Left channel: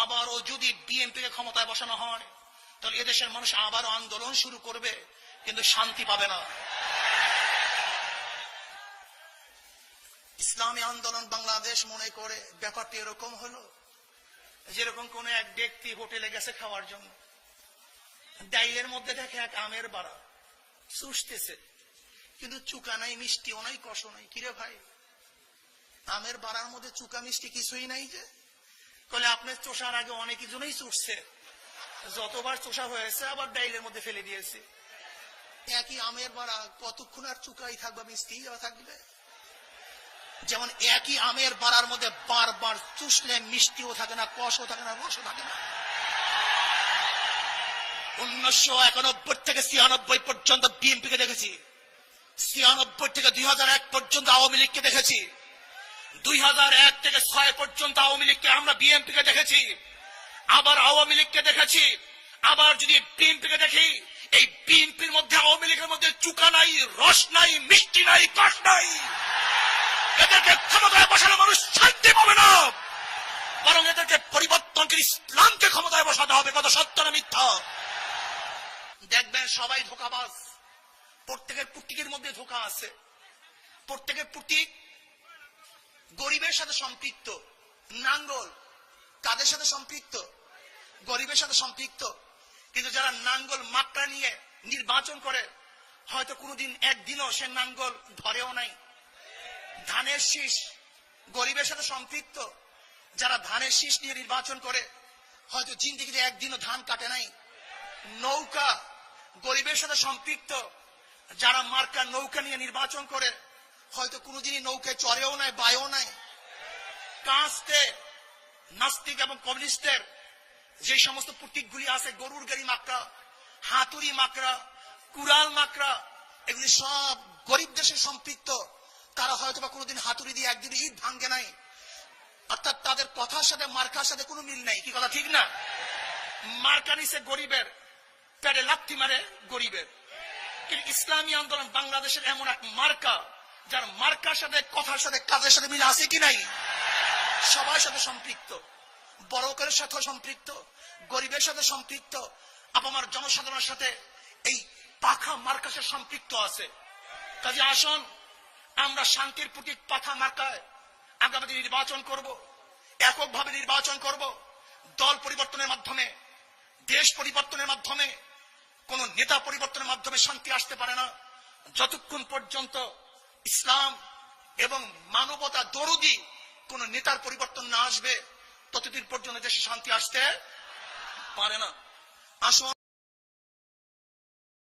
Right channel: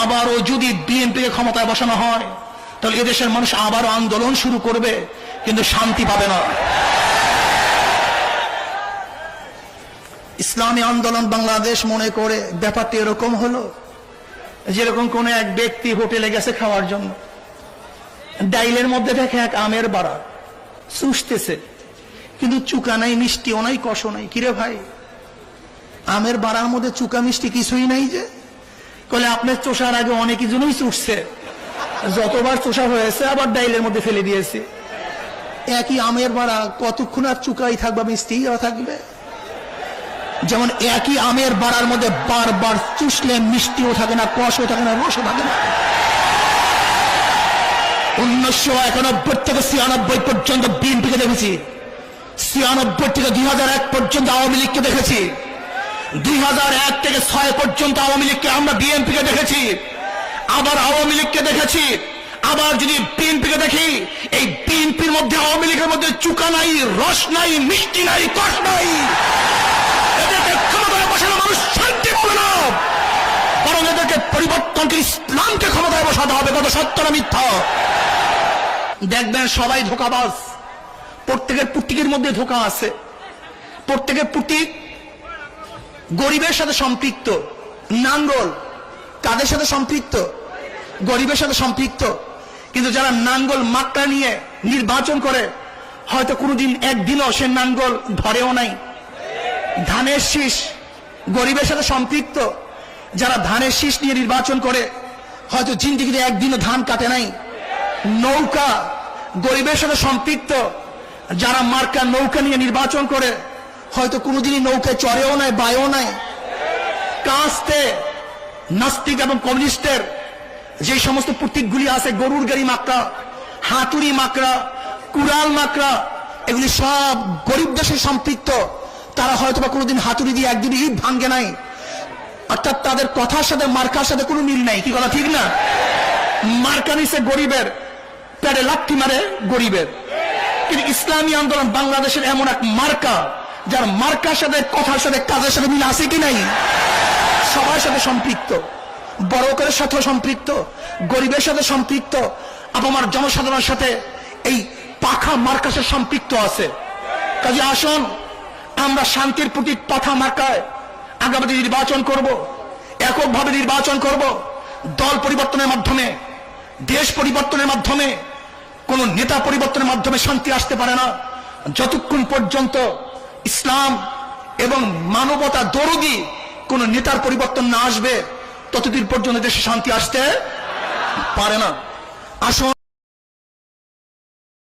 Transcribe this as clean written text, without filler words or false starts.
আবারও যদি বিএনপিকে ক্ষমতায় বসানো হয় তাহলে এদেশের মানুষ আবারও আন্দোলন শুরু করবে, কিন্তু শান্তি পাবে না। ইসলামী আন্দোলন বাংলাদেশ মনে করে ব্যাপারটি এরকম হলো, যেরকম কোন এক ব্যক্তি হোটেলে গেছে খাওয়ার জন্য, ডাইলের মধ্যে দেখে এক আমের বাড়া চুষতেছে, কিন্তু চুকা নাই, মিষ্টিও নাই, কষও নাই। কিরে ভাই, আমের বাড়ার মধ্যে চুকা মিষ্টি কিছুই নাই যে? বলে আপনার চোষার আগে অনেক জনই চুষছে, যতবার চোষা হয়েছে আবার ডাইলের মধ্যে ফেলে দিয়েছে। একই আমের বাড়া কতক্ষণ আর চুকাই থাকবে, মিষ্টিও থাকবে? যেমন একই আমের বাড়ার মধ্যে বারবার চুষলে মিষ্টিও থাকে না, কষও থাকে না, রসও থাকে না। 1991 থেকে 96 পর্যন্ত বিএনপিকে দেখেছি, 96 থেকে 2001 পর্যন্ত আওয়ামী লীগকে দেখেছি, 2001 থেকে 6 পর্যন্ত আওয়ামী লীগকে আমরা বিএনপিকে দেখেছি, আবার আওয়ামী লীগকে দেখেছি, আবার যদি বিএনপিকে দেখি, এই বিএনপির মধ্যে আওয়ামী লীগের মধ্যে চুকা নাই, রস নাই, মিষ্টি নাই, কষ নাই। এদেরকে ক্ষমতায় বসানো মানুষ শান্তি পাবে না, বরং এদেরকে পরিবর্তন করে ইসলামকে ক্ষমতায় বসাতে হবে। কত সত্য না মিথ্যা? দেখবেন সবাই ধোঁকাবাজ, প্রত্যেকের পুটিকের মধ্যে ধোঁকা আছে। প্রত্যেকের পুটিক গরিবের সাথে সম্পৃক্ত, নাঙ্গল কাদের সাথে সম্পৃক্ত? গরিবের সাথে সম্পৃক্ত। কিন্তু যারা নাঙ্গল মাকড়া নিয়ে নির্বাচন করে, হয়তো কোনোদিন একদিনও সে নাঙ্গল ধরেও নাই। ধানের শীষ গরিবের সাথে সম্পৃক্ত, যারা ধানের শীষ নিয়ে নির্বাচন করে, হয়তো জিন্দিগিতে একদিনও ধান কাটে নাই। নৌকা গরিবের সাথে সম্পৃক্ত, যারা মার্কা নৌকা নিয়ে নির্বাচন করে, হয়তো কোনোদিনই নৌকায় চড়েও নাই, বায়ও নাই। কাস্তে নাস্তিক এবং কমিউনিস্টের যে সমস্ত প্রতীকগুলি আছে, গরুর গাড়ি মাকড়া, হাতুড়ি মাকড়া, কুড়াল মাকড়া, এগুলি সব গরিব দেশে সম্পৃক্ত। তারা হয়তো বা কোনোদিন হাতুড়ি দিয়ে একদিন ইট ভাঙ্গে নাই, অর্থাৎ তাদের কথার সাথে মার্কার সাথে কোনো মিল নাই। কি কথা ঠিক না? মার্কা নিছে গরিবের, পেটে লাথি মারে গরিবের। কিন্তু ইসলামী আন্দোলন বাংলাদেশের এমন এক মার্কা, যার মার্কার সাথে কথার সাথে কাজের সাথে মিল আছে কি নাই? সবার সাথে সম্পৃক্ত, বড়কের সাথে সম্পৃক্ত, গরিবের সাথে সম্পৃক্ত, আপামার জনসাধারণের সাথে এই পাখা মার্কার সাথে সম্পৃক্ত আছে। কাজে আসুন আমরা শান্তির প্রতীক পাখা মার্কায় আগামী নির্বাচন করব, এককভাবে নির্বাচন করব। দল পরিবর্তনের মাধ্যমে, দেশ পরিবর্তনের মাধ্যমে, কোন নেতা পরিবর্তনের মাধ্যমে শান্তি আসতে পারে না। যতক্ষণ পর্যন্ত ইসলাম এবং মানবতা দরদি কোন নেতার পরিবর্তন না আসবে, ততদিন পর্যন্ত দেশে শান্তি আসতে পারে না। আসুন